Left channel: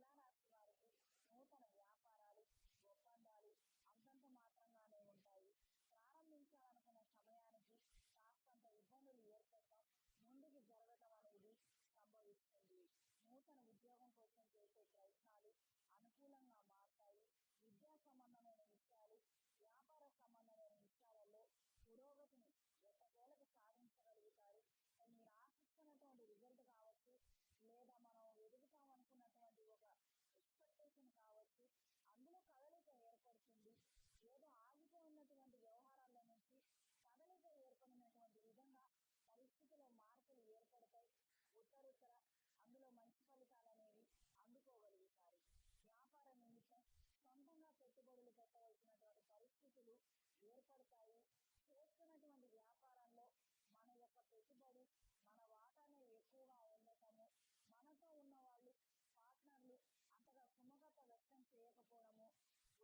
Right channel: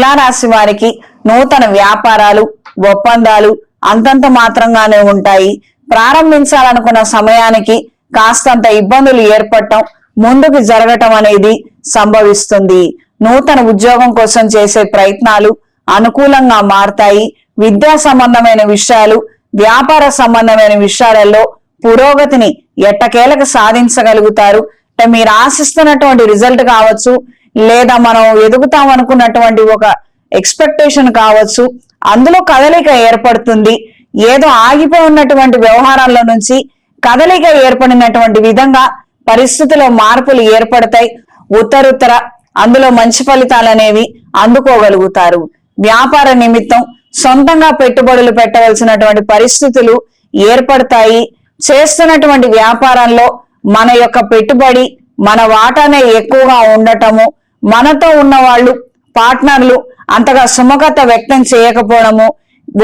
తులారాశి వారికి నూతన వ్యాపారాలు ఒప్పందాలు అంతంత మాత్రంగానే ఉంటాయి. ప్రారంభించాలనుకున్న సమయానికి కాస్తంత ఇబ్బందులు ఏర్పడటం ముందుకు జరగటం అనేది సంభవిస్తుంది. నూతన ఉద్యోగం కోసం చేసే ప్రయత్నాలు అనుకూలంగా మారతాయి. విద్యా సంబంధమైన విషయాలు వ్యాపార సంబంధమైన విషయాలలో పురోగతిని ఎట్టకేలకు సాధించగలుగుతారు. అంటే మీరు ఆశిస్తున్నటువంటి రిజల్ట్ కావచ్చు లేదా మనం ఎదుగుతాం అనుకున్నటువంటి ఒక ఎక్స్పెక్టేషన్ కావచ్చు అందులో కదలిక ఏర్పడుతుంది. ఏదో ఆగిపోయి ఉన్నటువంటి వ్యవహారాల్లో నుంచి కదలిక ఏర్పడినటువంటి విధంగా పరిస్థితిలో మార్పులు ఏర్పడతాయి. ఉత్తరుత్తర అందులో మంచి ఫలితాలు అనేవి అందుకోగలుగుతారు. వ్యాపార నిమిత్తం సొంతంగా పెట్టుబడులు పెట్టవలసినటువంటి పరిస్థితులు ఏర్పడతాయి. చేస్తున్నటువంటి వ్యాపారంలో మన యొక్క పెట్టుబడి మన వాటానే ఎక్కువగా ఉండటము మనతో ఉన్న వాళ్ళు పార్ట్నర్లు అంతగా సుముఖత వ్యక్తం చేయకపోవడము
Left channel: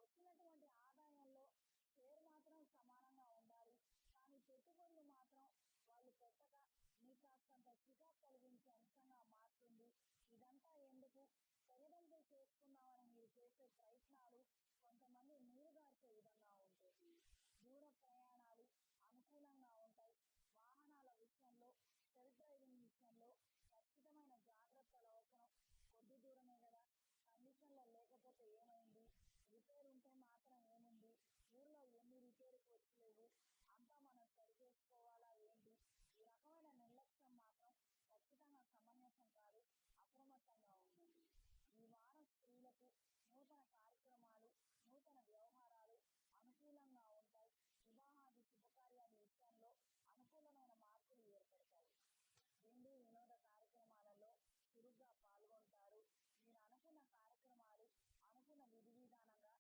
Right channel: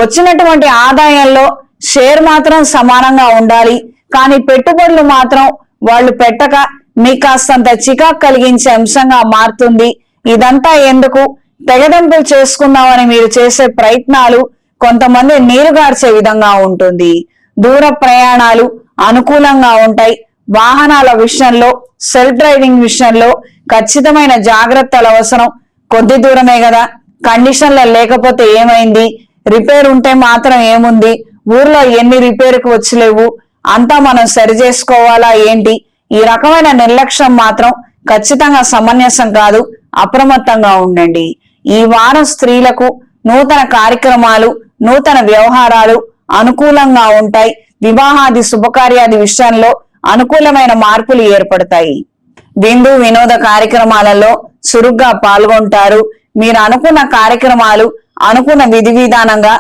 వచ్చినటువంటి ఆదాయంలో షేర్ మాత్రం సమానంగా ఉండాలి. కానీ పెట్టుబడులు మాత్రం వాళ్ళు పెట్టక మీకు కాస్తంత చికాకు కలిగించే అంశంగా మారుతుంది. ఇదంతా ఎందుకు? తెగదెంపులు చేసుకుందామని మీరు చేసే ప్రయత్నాలు కొంతమంది నీరుగార్చే విధంగా ఉంటుంది. దూర ప్రయాణాలు అనుకూలంగా ఉంటాయి. వాహనాల విషయంలో సెల్ఫ్ డ్రైవింగ్ విషయంలో ఖచ్చితమైన జాగ్రత్తలు అవసరం. కొద్ది దూరమే కదా. కండిషన్లో లేకపోతే ఏమైంది? రిపేర్ ఉంటే మాత్రం ఏముంది? ఊర్లో ఎన్ని రిపేర్కి వచ్చలేవు? అంతా మనం సరి చేసుకోవాలా ఏంటి? ఈ రకమైన నిర్లక్ష్యం మాత్రం ఖచ్చితంగా సమంజసం కాదు అప్రమత్తంగా ఉండండి. ఈ వారం స్త్రీలకు నూతన కార్యక్రమాలు నూతన వ్యవహారాలు అనుకూలంగా ఉంటాయి. వివాహాది శుభకార్యాది విషయంలో అనుకూలమైన మార్పులు ఏర్పడతాయి. విందు వినోద కార్యక్రమాలలో చురుగ్గా పాల్గొంటారు. మీరు అనుకున్న కార్యక్రమాలు అనుకున్న విధి విధానంగా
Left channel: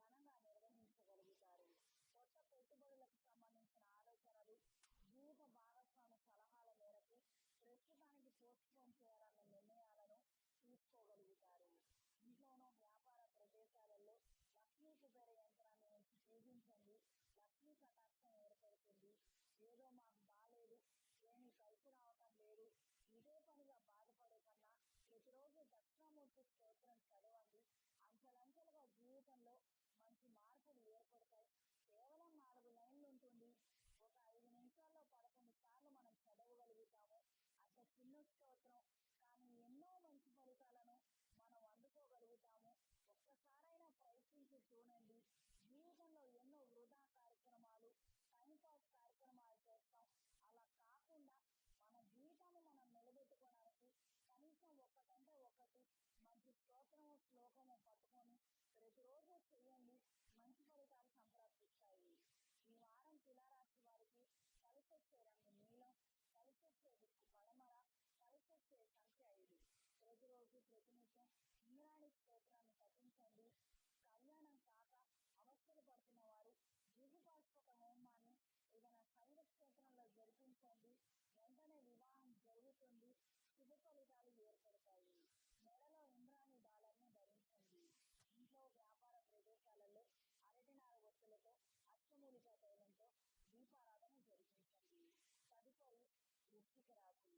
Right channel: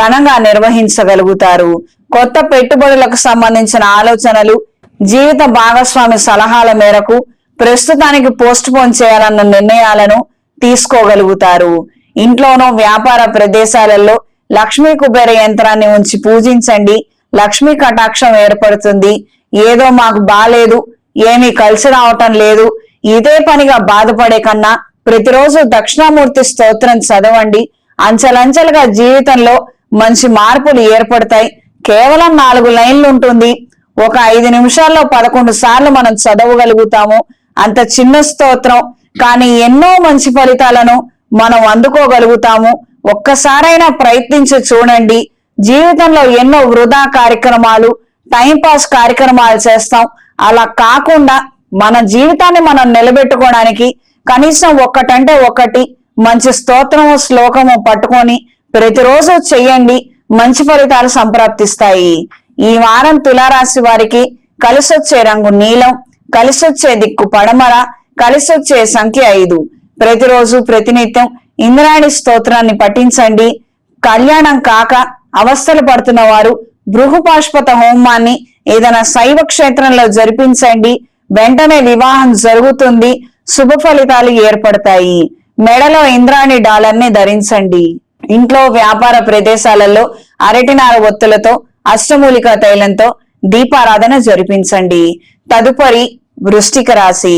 ఘనంగా నిర్వహించగలుగుతారు. కొత్త పెట్టుబడులకు సంబంధించిన ఆలోచనలు జీవిత భాగస్వామి సలహాల మేరకు ప్రస్తుతానికి పోస్ట్ పోన్ చేయాలన్న నిర్ణయాలను తీసుకోగలుగుతారు. ఇంట్లోనో వ్యాపార ప్రదేశాలలో లక్ష్మీ కుబేర యంత్రాన్ని ఉంచి పూజించండి. లక్ష్మీ కటాక్షం ఏర్పడుతుంది. ఏదో మాకు బాలేదు ఏమీ కలిసి రావటం లేదు. ఇదే పనిగా బాధపడే కన్నా ప్రతిరోజు దక్షిణామూర్తి స్తోత్రం చదవండి. అంచెలంచెలుగా జీవితంలో మంచి మార్పులు ఏర్పడతాయి. కేవలం నాలుగు లైన్లు ఉంటుంది. ఒక ఐదు నిమిషాల్లో పదకొండు సార్లు మనం చదవగలుగుతాము. అంత చిన్న స్తోత్రం కానీ ఎన్నో మంచి ఫలితాలను మనం అందుకోగలుగుతాము. ఒక్కసారైనా ప్రయత్నించి చూడండి. జీవితంలో ఎన్నో వృధా కార్యక్రమాలు టైం పాస్ కార్యక్రమాలు చేస్తాం. అలా కాకుండా మన జీవితాన్ని మనం నిలబెట్టుకోవడానికి కనీసం ఒక్కటంటే ఒకటి మంచి స్తోత్రము శ్లోకము పట్టుకొని ప్రతిరోజు చెయ్యండి. మంచి ఫలితాలు సంప్రాప్తిస్తాయి. ఈ వారం తులారాశి వారికి కలిసొచ్చే రంగు నీలం కలిసొచ్చే దిక్కు పడమర కలిసొచ్చే సంఖ్య ఐదు. ప్రతిరోజు ప్రతినిత్యం ఇంద్రాణి స్తోత్రాన్ని పఠించండి. కళ్యాణం కాక అవస్థలు పడుతున్న వారు బృహపాష్పత హోమాన్ని ఏదైనా శైవ క్షేత్రంలో జరిపించండి. వెంటనే వివాహం జరుగుతుంది. శుభ ఫలితాలు ఏర్పడతాయి. మెడలో ఇంద్రాణి డాలర్ని ధరించండి. ఇంట్లో వ్యాపార ప్రదేశాలలో అరటినార ఒత్తులతో అష్టమూలిక తైలంతో దీపారాధన జరిపించండి. తదుపరి వృష్టిక రాశి.